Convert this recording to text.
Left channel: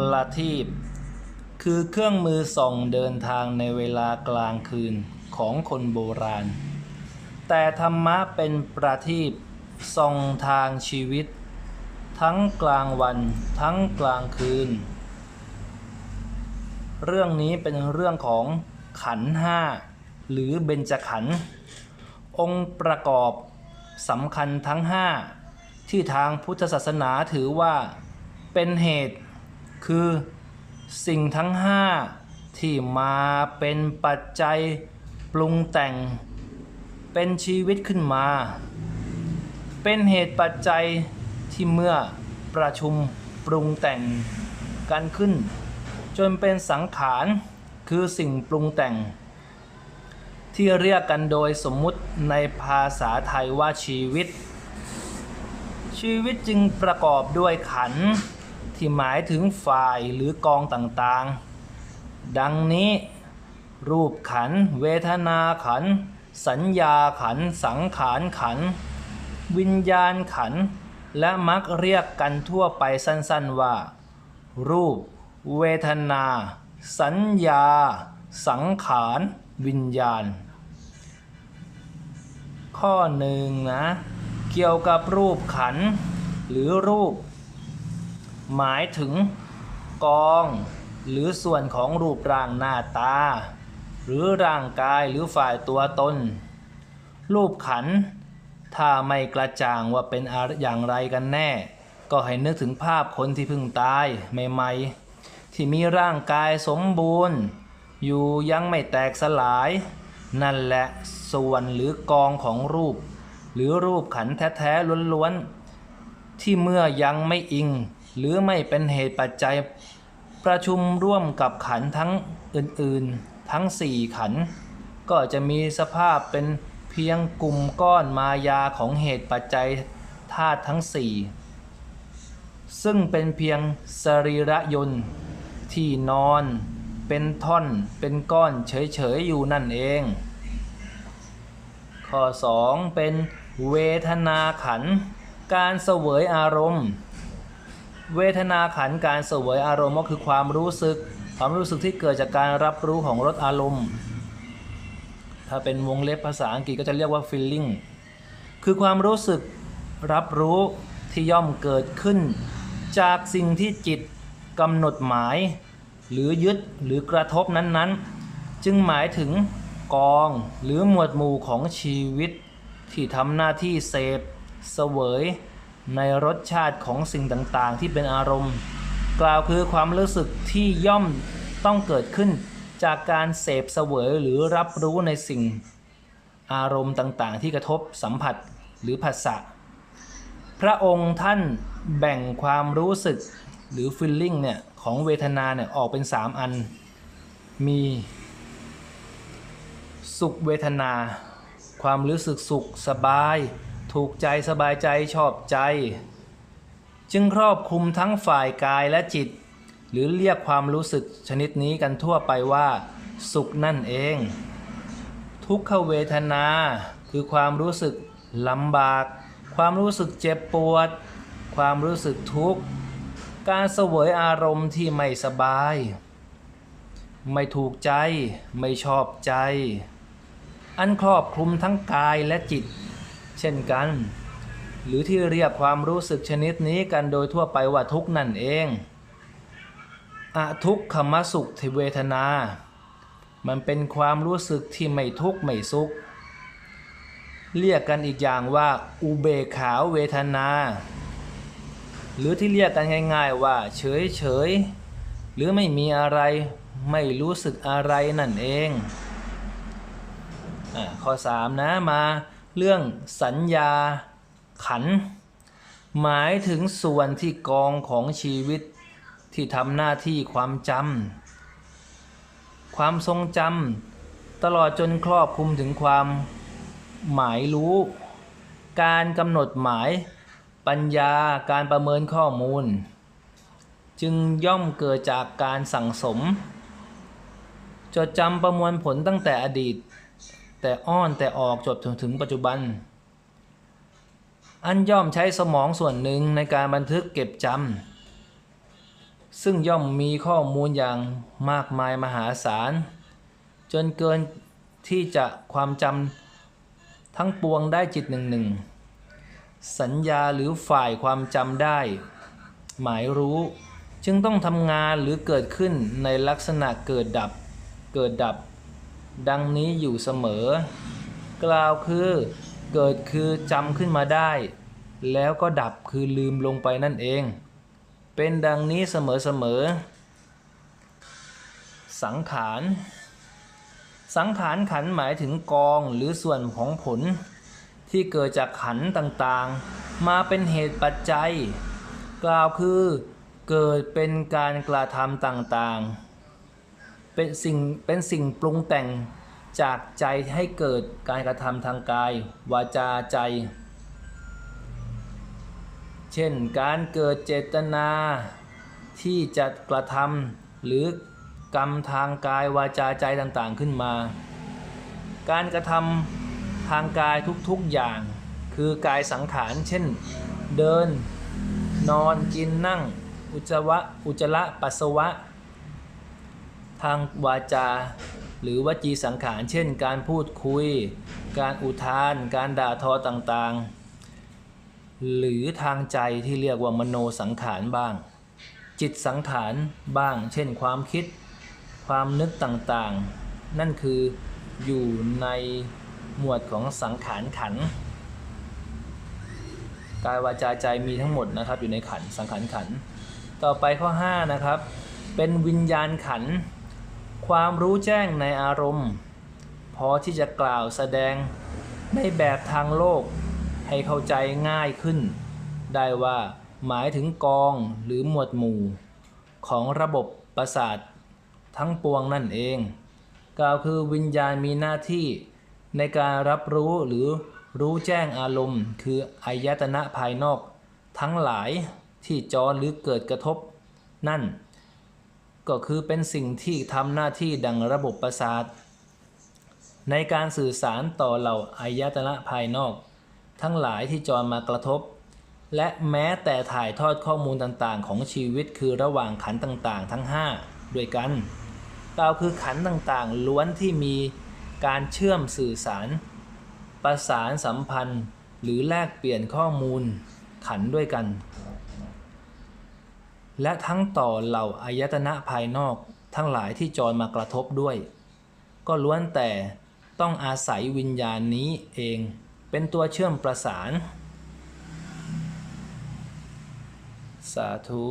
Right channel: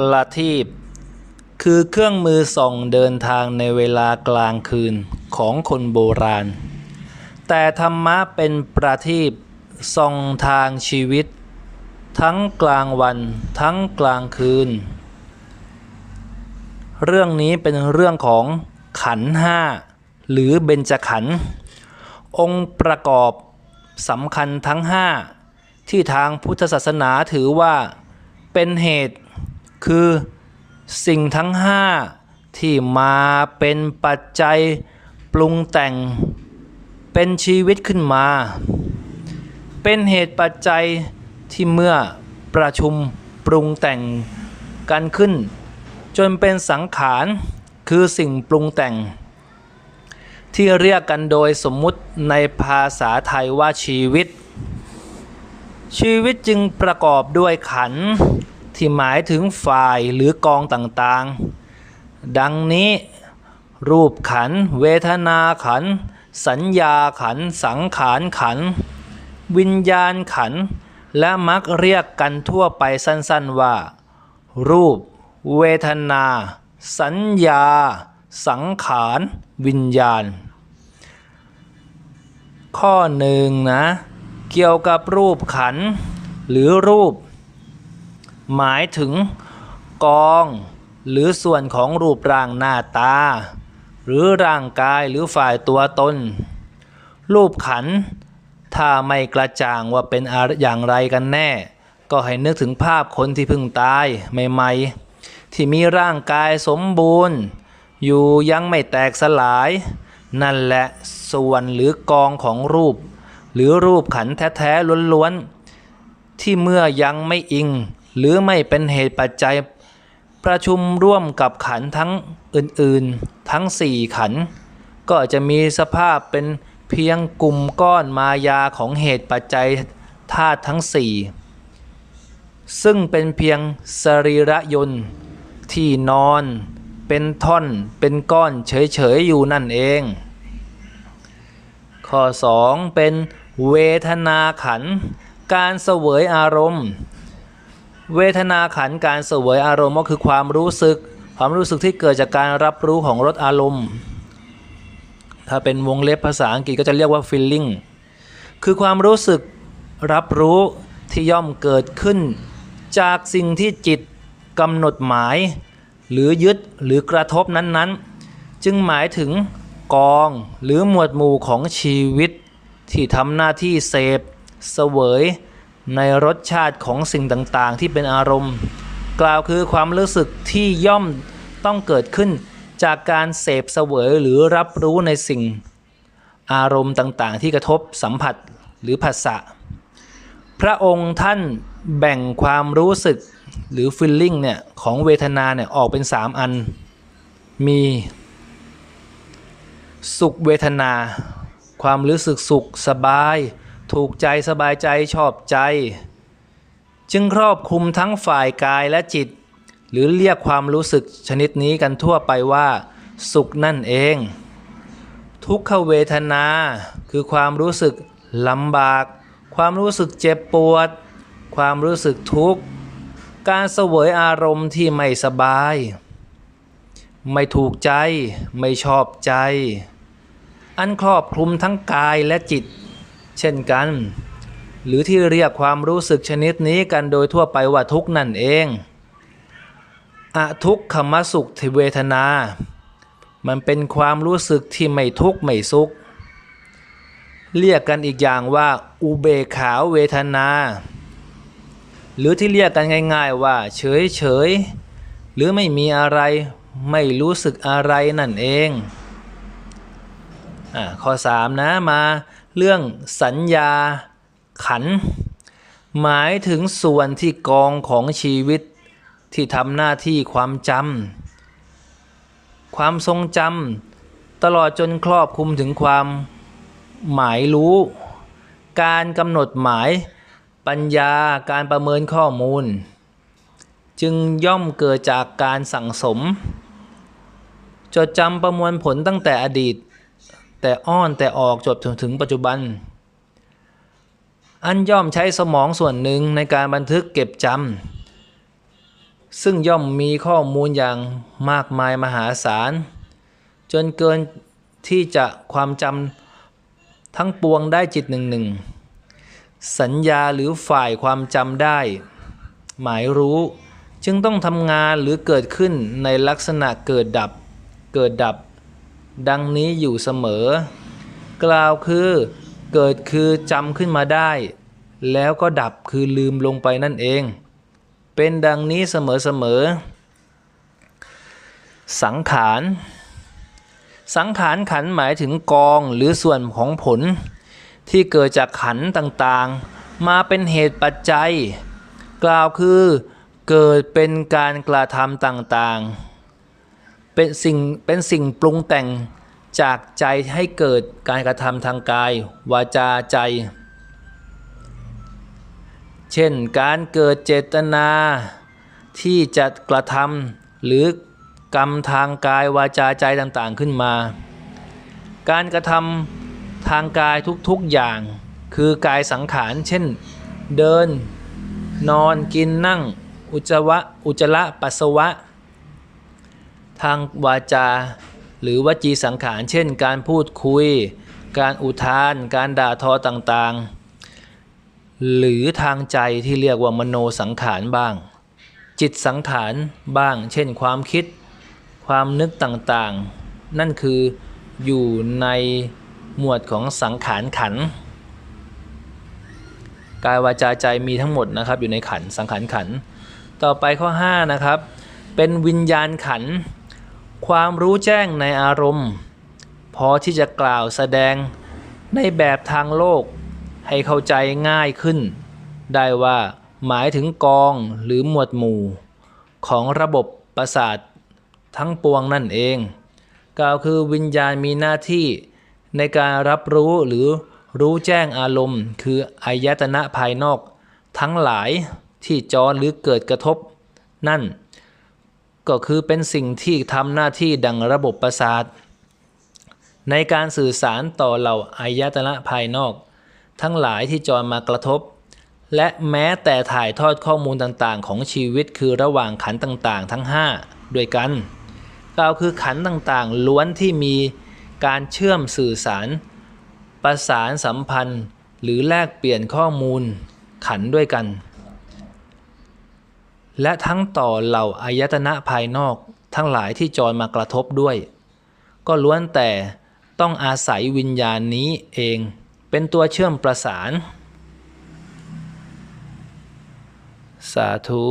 ประทีปคือเครื่องมือส่องเดินทางในเวลากลางคืนของคนโบราณ แต่ธรรมะเป็นประทีปส่องทางชีวิต ทั้งกลางวันทั้งกลางคืน เรื่องนี้เป็นเรื่องของขันห้าหรือเบญจขันธ์องค์ประกอบสำคัญทั้งห้าที่ทางพุทธศาสนาถือว่าเป็นเหตุ คือสิ่งทั้งห้าที่มาเป็นปัจจัยปรุงแต่งเป็นชีวิตขึ้นมา เป็นเหตุปัจจัยที่เมื่อประชุมปรุงแต่งกันขึ้น จนเป็นสังขารคือสิ่งปรุงแต่ง ที่เรียกกันโดยสมมุติในภาษาไทยว่าชีวิต ชีวิตจึงประกอบด้วยขัน ที่หมายถึงฝ่ายหรือกองต่างๆ ดังนี้ รูปขัน เวทนาขัน สัญญาขัน สังขารขัน วิญญาณขัน และมักเรียกกันทั่วไปสั้นๆว่า รูป เวทนา สัญญา สังขาร วิญญาณ ข้อหนึ่งนะ เกี่ยวกับรูปขัน หรือรูป หมายถึงกอง หรือส่วนของรูปร่างหน้าตา หรือร่างกายหรือฝ่ายตัวตน รูปขัน ถ้าไม่กระจ่างว่าเป็นอะไรอย่างไรกันแน่ ก็ให้นึกถึงภาพคนที่เพิ่งตายใหม่ๆ ที่มีร่างกายสมบูรณ์ อยู่ยังไม่แตกสลาย นั่นแหละส่วนหรือกองของรูป หรือรูปขันแท้ๆล้วนๆที่เมื่อยังไม่อิง หรือไม่เป็นเหตุปัจจัยประชุมร่วมกับขันทั้งอื่นๆ ทั้งสี่ขัน ก็จะมีสภาพเป็นเพียงกลุ่มก้อนมายาของเหตุปัจจัยธาตุทั้งสี่ซึ่งเป็นเพียงสรีระยนต์ที่นอนเป็นท่อนเป็นก้อนเฉยๆอยู่นั่นเอง ข้อ 2 เป็นเวทนาขัน การเสวยอารมณ์ เวทนาขันการเสวยอารมณ์ก็คือความรู้สึก ความรู้สึกที่เกิดจากการรับรู้ของรสอารมณ์ ถ้าเป็นวงเล็บภาษาอังกฤษก็จะเรียกว่า feeling คือความรู้สึกรับรู้ที่ย่อมเกิดขึ้น จากสิ่งที่จิตกำหนดหมาย หรือยึดหรือกระทบนั้นๆ จึงหมายถึงกองหรือหมวดหมู่ของชีวิต ที่ทำหน้าที่เสพเสวย ในรสชาติของสิ่งต่างๆ ที่เป็นอารมณ์ กล่าวคือความรู้สึกที่ย่อมต้องเกิดขึ้นจากการเสพเสวยหรือรับรู้ในสิ่ง อารมณ์ต่างๆ ที่กระทบสัมผัสหรือผัสสะพระองค์ท่านแบ่งความรู้สึกหรือ feeling เนี่ยของเวทนาเนี่ยออกเป็น 3 อัน มีสุขเวทนา ความรู้สึกสุขสบาย ถูกใจสบายใจชอบใจ จึงครอบคลุมทั้งฝ่ายกายและจิต หรือเรียกความรู้สึกชนิดนี้กันทั่วไปว่า สุขนั่นเอง ทุกขเวทนา คือความรู้สึกลำบาก ความรู้สึกเจ็บปวด ความรู้สึกทุกข์ การเสวยอารมณ์ที่ไม่สบาย ไม่ถูกใจไม่ชอบใจ อันครอบคลุมทั้งกายและจิต เช่นกัน หรือที่เรียกความรู้สึกชนิดนี้กันโดยทั่วไปว่าทุกนั่นเองอทุกขมสุขเวทนา มันเป็นความรู้สึกที่ไม่ทุกข์ไม่สุข เรียกกันอีกอย่างว่าอุเบกขาเวทนา หรือที่เรียกกันง่าย ๆว่า เฉยเฉยๆหรือไม่มีอะไรไม่รู้สึกอะไรนั่นเองอข้อ 3 นะมา เรื่องสัญญาขัน หมายถึงส่วนที่กองของชีวิตที่ทำหน้าที่ความจำความทรงจำตลอดจนครอบคลุมถึงความหมายรู้ การกำหนดหมายปัญญาการประเมินข้อมูล จึงย่อมเกิดจากการสั่งสม จดจำประมวลผลตั้งแต่อดีต แต่อ้อนแต่ออกจบถึงถึงปัจจุบัน อันย่อมใช้สมองส่วนหนึ่งในการบันทึกเก็บจำซึ่งย่อมมีข้อมูลอย่างมากมายมหาศาล จนเกินที่จะความจำทั้งปวงได้จิตหนึ่งหนึ่งสัญญาหรือฝ่ายความจำได้ หมายรู้จึงต้องทำงานหรือเกิดขึ้นในลักษณะเกิดดับ เกิดดับ ดังนี้อยู่เสมอ กล่าวคือเกิดคือจำขึ้นมาได้ แล้วก็ดับคือลืมลงไปนั่นเอง เป็นดังนี้เสมอๆสังขาร สังขารขันหมายถึงกองหรือส่วนของผล ที่เกิดจากขันต่างๆ มาเป็นเหตุปัจจัย กล่าวคือเกิดเป็นการกระทำต่างๆ เป็นสิ่งเป็นสิ่งปรุงแต่งจากใจให้เกิดการกระทำทางกาย วาจาใจ เช่นการเกิดเจตนาที่จะกระทำหรือกรรมทางกายวาจาใจต่างๆขึ้นมา การกระทำทางกายทุกๆอย่าง คือกายสังขาร เช่น เดิน นอนกินนั่ง อุจวะอุจจาระปัสสาวะ ทางวาจา หรือวจีสังขาร เช่น การพูดคุย การอุทาน การด่าทอต่างๆ หรือทางใจที่เรียกว่ามโนสังขารบ้าง จิตสังขารบ้าง เช่น ความคิด ความนึกต่างๆ นั่นคืออยู่ในหมวดของสังขารขัน กายวาจาใจมีทั้งหมดนะครับอยู่ในขันสังขารขัน ต่อไปข้อ5นะครับเป็นวิญญาณขันธ์ ความรู้แจ้งในอารมณ์ พอที่จะกล่าวแสดงในแบบทางโลก ให้เข้าใจง่ายขึ้น ได้ว่าหมายถึงกองหรือหมวดหมู่ ของระบบประสาททั้งปวงนั่นเองกล่าวคือวิญญาณมีหน้าที่ในการรับรู้หรือรู้แจ้งอารมณ์ คืออายตนะภายนอก ทั้งหลายที่จรหรือเกิดกระทบ นั่น ก็คือเป็นสิ่งที่ทำหน้าที่ดังระบบประสาท ในการสื่อสารต่อเหล่าอายตนะภายนอก ทั้งหลายที่จรมากระทบ และแม้แต่ถ่ายทอดข้อมูลต่างๆ ของชีวิตคือระหว่างขันต่างๆ ทั้ง 5 ด้วยกันกล่าวคือขันต่างๆ ล้วนที่มีการเชื่อมสื่อสาร ประสานสัมพันธ์ หรือแลกเปลี่ยนข้อมูลขันด้วยกัน และทั้งต่อเหล่าอายตนะภายนอกทั้งหลายที่จอยมากระทบด้วย ก็ล้วนแต่ต้องอาศัยวิญญาณนี้เองเป็นตัวเชื่อมประสาน สาธุ